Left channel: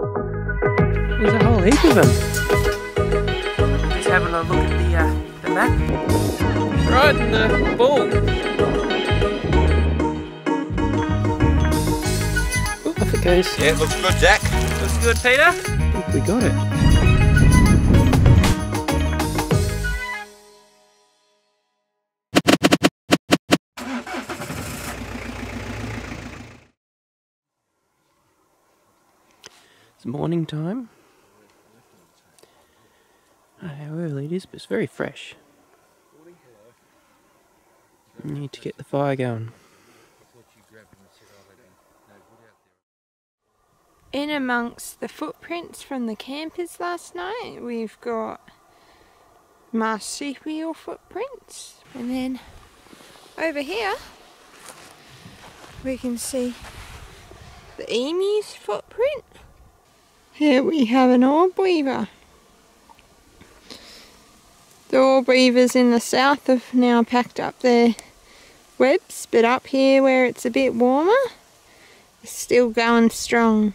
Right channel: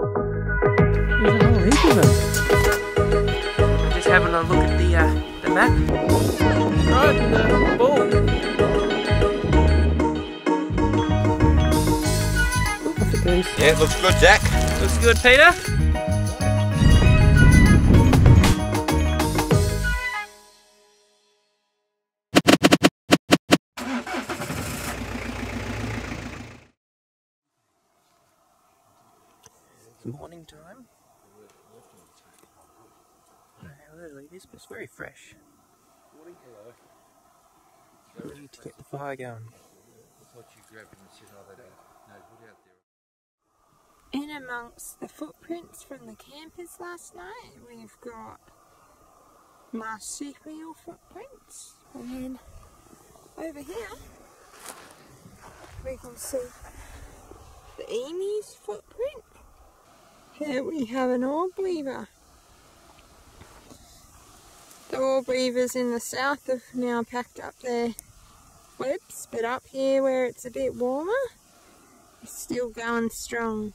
There's a whole heap of them. Just having a look at the map. Right in the ball. Oh, off it goes. Yeah, it looks good, Jack. Looks good, Peter. I think we got it. It's morning time. I don't know how early it is, but it's very fresh. We need to get the fire going. In amongst the footprints from the campers last night, we've got marsupial footprints, and then over here we can see the emu's footprint. Here we have an orb weaver. The orb weavers in the south have now packed up their webs, but up here where it's a bit warmer, it's still going strong.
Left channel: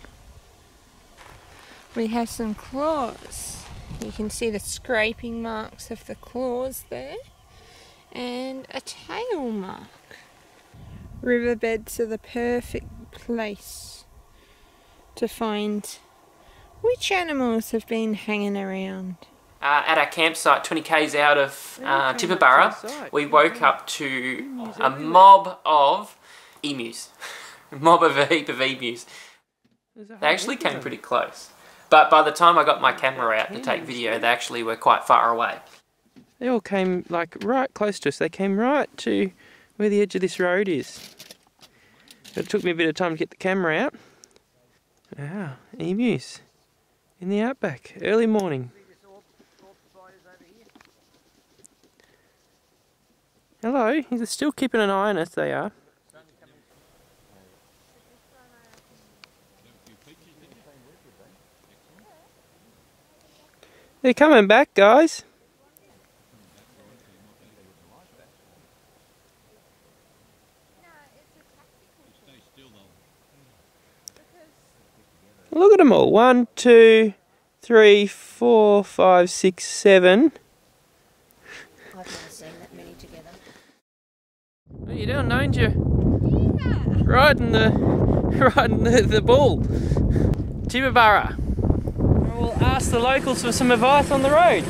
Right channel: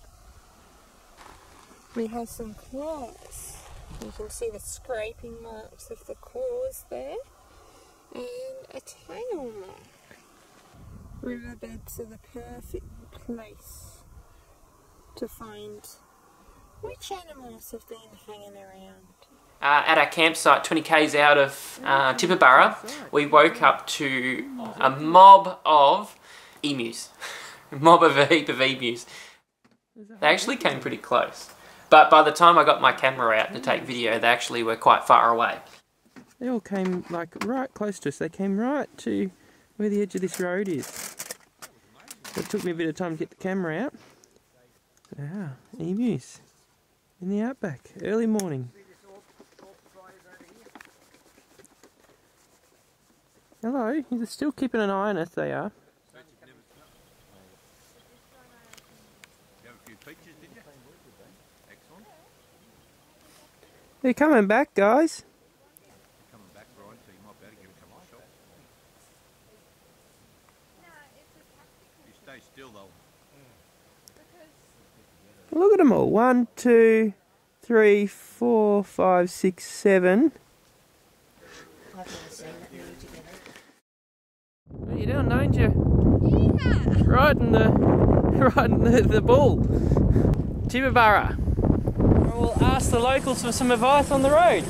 We have some claws. You can see the scraping marks of the claws there, and a tail mark. Riverbeds are the perfect place to find which animals have been hanging around. At our campsite, 20 k's out of Tibooburra, we woke up to a mob of emus. A heap of emus. They actually came pretty close. But by the time I got my camera out to take video, they actually were quite far away. They all came like right close to us. They came right to where the edge of this road is. It took me a bit of time to get the camera out. Wow, emus in the outback, early morning. Hello, he's still keeping an eye on us, they are. They're coming back, guys. Look at them all. 1, 2, 3, 4, 5, 6, 7. What are you doing, don't you? Yeah. Riding the bull. Tibooburra. We'll ask the locals for some advice on the road.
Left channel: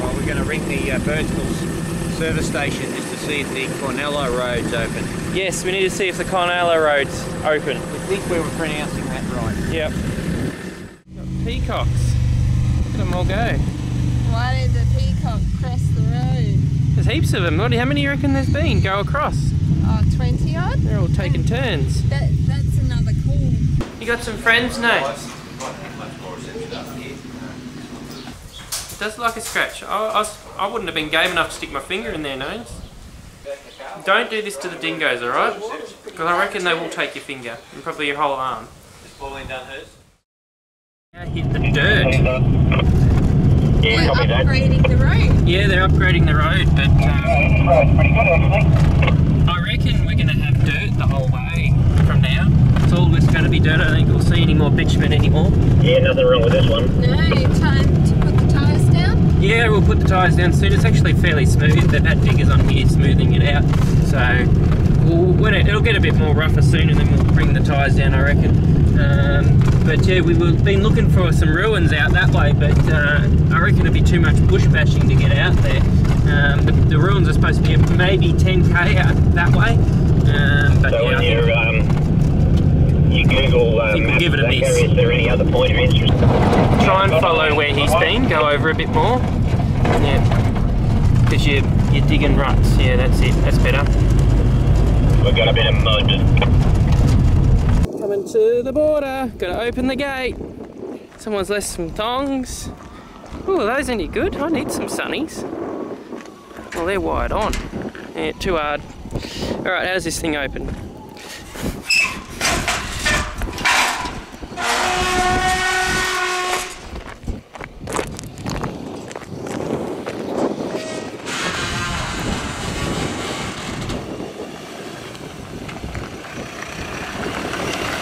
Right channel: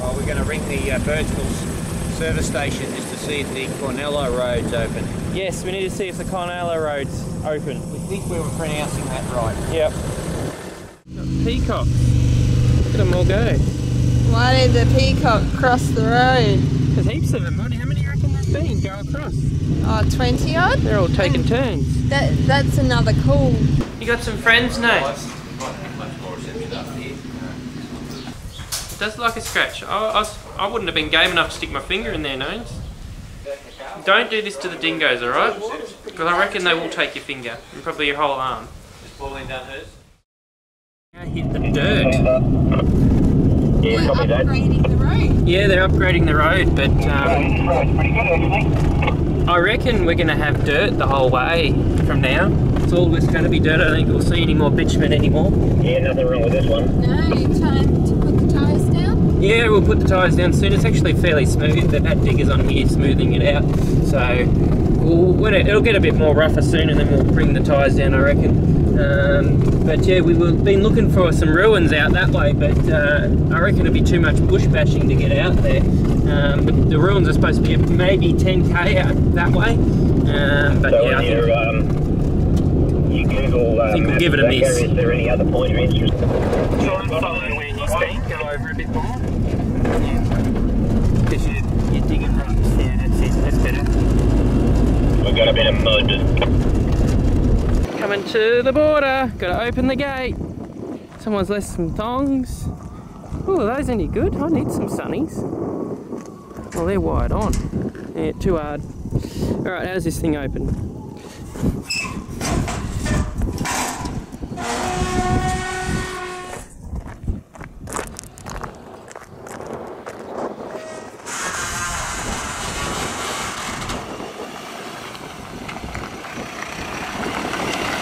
Well, we're going to ring the Birdsville service station just to see if the Cordillo Road's open. Yes, we need to see if the Cordillo Road's open. We think we were pronouncing that right. Yep. Got peacocks. Look at them all go. Why did the peacock cross the road? There's heaps of them. How many do you reckon there's been go across? Oh, 20 odd? They're all taking turns. That's another call. You got some friends, no? It does look like a scratch. I wouldn't have been game enough to stick my finger in their nose. Don't do this to the dingoes, alright? Because I reckon they will take your finger and probably your whole arm. Just falling down hers. Now hit the dirt. Yeah, they're upgrading the road. Yeah, they're upgrading the road, but I reckon we're going to have dirt the whole way from now. It's all just going to be dirt. I don't think we'll see any more bitumen anymore. Yeah, nothing wrong with this one. No, time to put the tyres down? Yeah, we'll put the tyres down soon. It's actually fairly smooth. They've had diggers on here smoothing it out. So it'll get a bit more rougher soon, and then we'll bring the tyres down, I reckon. But yeah, we've been looking for some ruins out that way, but I reckon it'll be too much bush bashing to get out there. The ruins are supposed to be maybe 10k out that way. But so yeah, you Google we'll give it a miss. Is there any other point of interest? Try and follow where he's been, go over a bit more. Yeah, because you're digging ruts. Yeah, that's it, that's better. We've got a bit of mud. Coming to the border, gotta open the gate. Someone's left some thongs. Oh, are those any good? I need some sunnies. Well, they're wired on. Yeah, too hard. Alright, how's this thing open?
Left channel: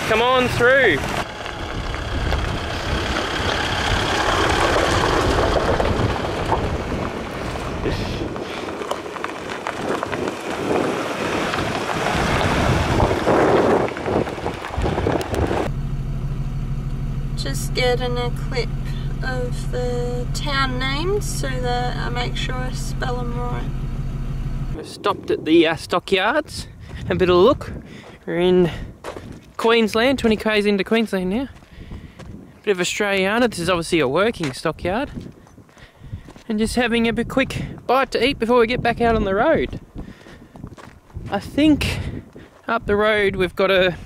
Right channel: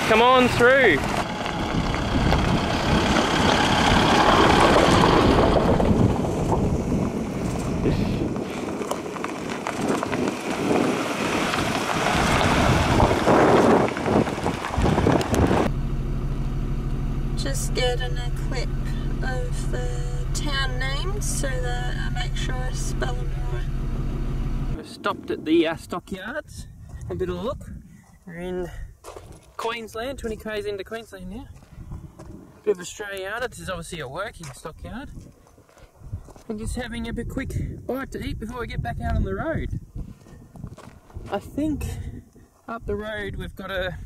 Come on through. just getting a clip of the town names so that I make sure I spell them right. We've stopped at the stockyards, a bit of a look. We're in Queensland, 20 k's into Queensland now. Bit of Australiana, this is obviously a working stockyard. And just having a quick bite to eat before we get back out on the road. I think up the road we've got a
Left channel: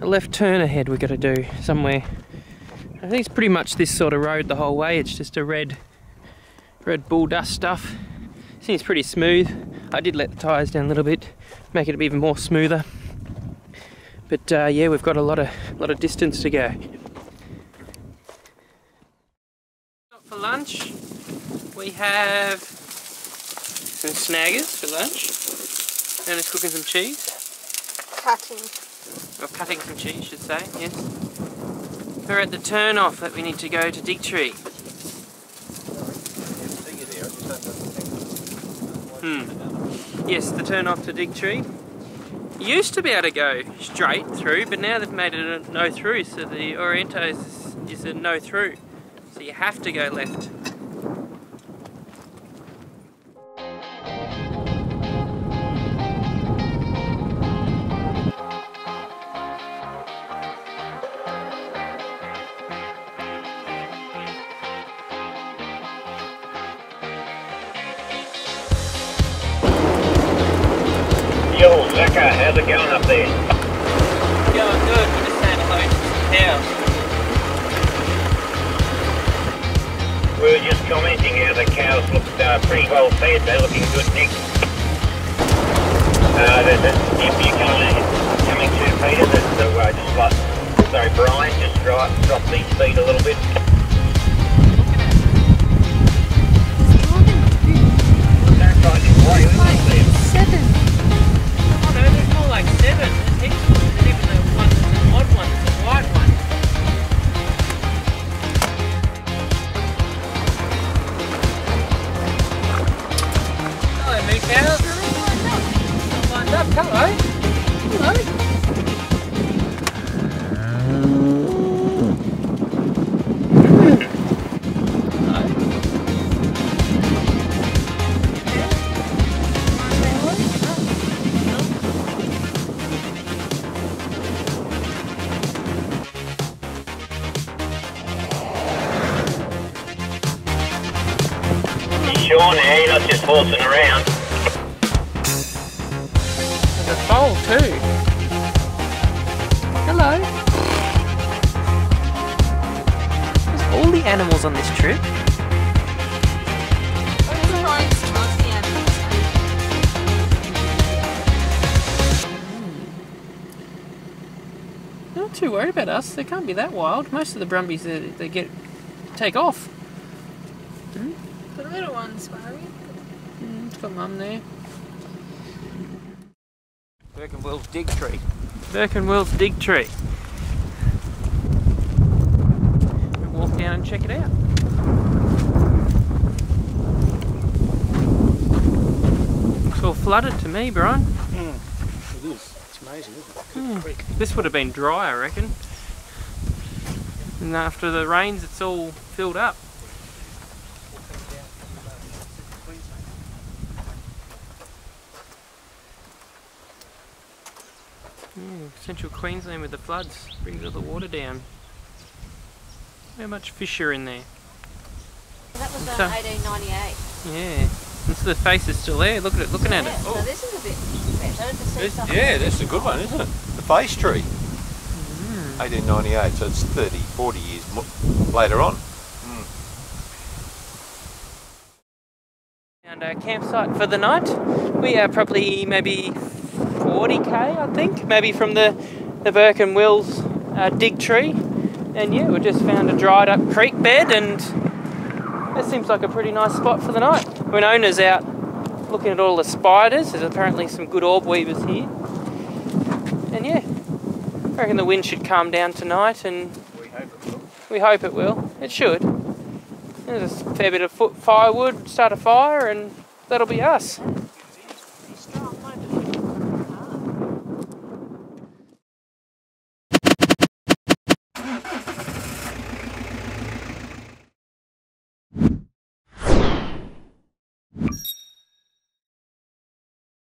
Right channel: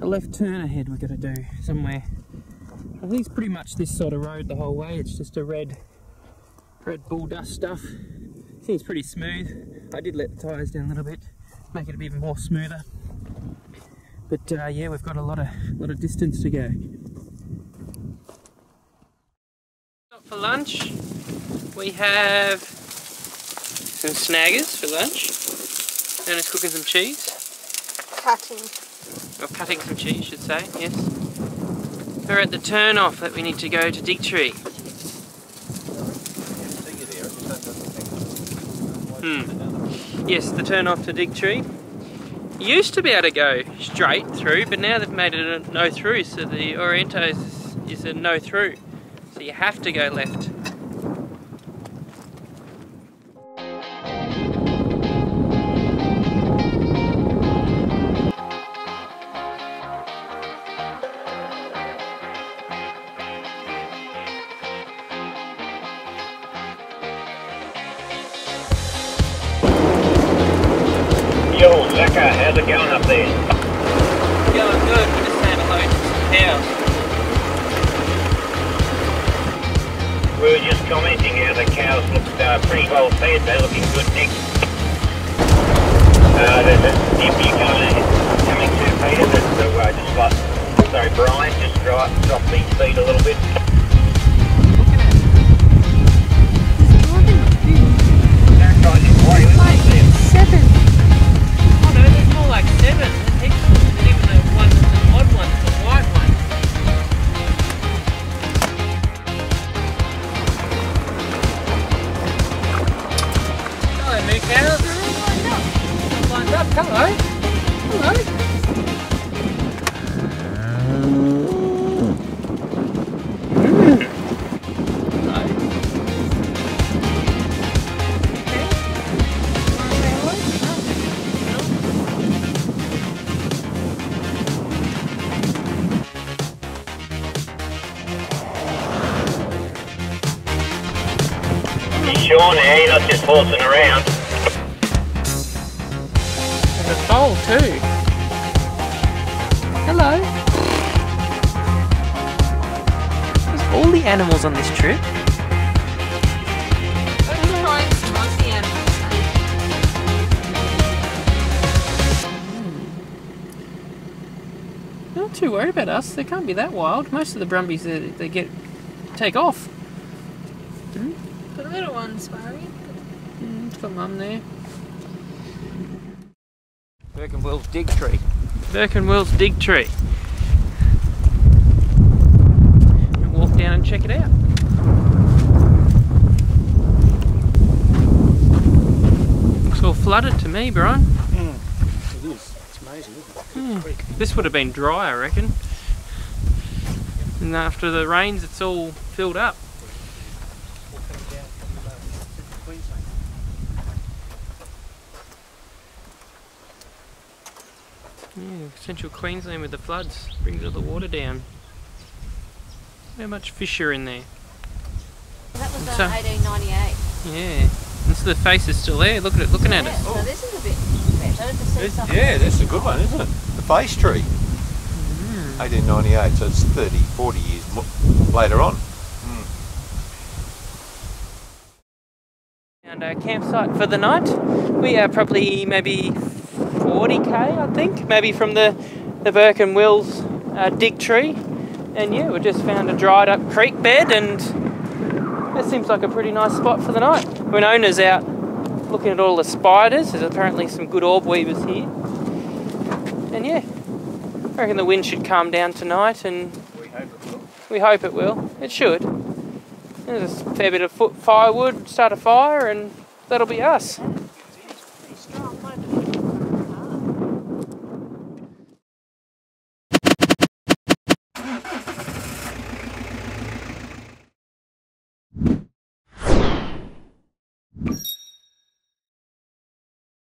left turn ahead we've got to do somewhere. I think it's pretty much this sort of road the whole way. It's just a red bull dust stuff. Seems pretty smooth. I did let the tyres down a little bit, make it even more smoother. But yeah, we've got a lot of distance to go. For lunch, we have some snaggers for lunch. And it's cooking some cheese. Cutting. Or cutting some cheese, should say, yes. We're at the turn off that we need to go to Digtree. Yes, the turn off to Digtree. You used to be able to go straight through, but now they've made it a no through, so the Oriento is a no through. So you have to go left. Yo, Zaka, how's it going up there? Going good, we're just saying hello to some cows. We were just commenting how the cows look pretty well fed. They're looking good, Nick. If you're coming too, Peter, sorry, Brian, just drop these feet a little bit. Don't try to play with them. 7. Oh no, there's more like 7. There's heaps more. There's even the odd one, the white one. Hello, moo cows. They're all lined up. All lined up. Hello. Hello. Sure now, you're not just horsing around. There's a foal too. Hello. There's all the animals on this trip. Not too worried about us. They can't be that wild. Most of the brumbies they take off. The little one's worried. It's got mum there. Burke and Wills Digtree. Burke and Wills Digtree. We'll walk down and check it out. Looks all flooded to me, Brian. It is. It's amazing, isn't it? This would have been dry, I reckon. And after the rains, it's all filled up. Yeah, central Queensland with the floods brings all the water down. How much fish are in there? That was 1898. Yeah, and so the face is still there. Look at it, looking at it. So this is a bit better to see something. Yeah, that's a good one, isn't it? The face tree. 1898, so it's 30, 40 years later on. Found a campsite for the night. We are probably maybe 40k, I think, maybe from the Burke and Wills Digtree. And yeah, we just found a dried up creek bed, and that seems like a pretty nice spot for the night. When owner's out looking at all the spiders, there's apparently some good orb weavers here. And yeah, I reckon the wind should calm down tonight, and we hope it will. It should. There's a fair bit of firewood, start a fire, and that'll be us.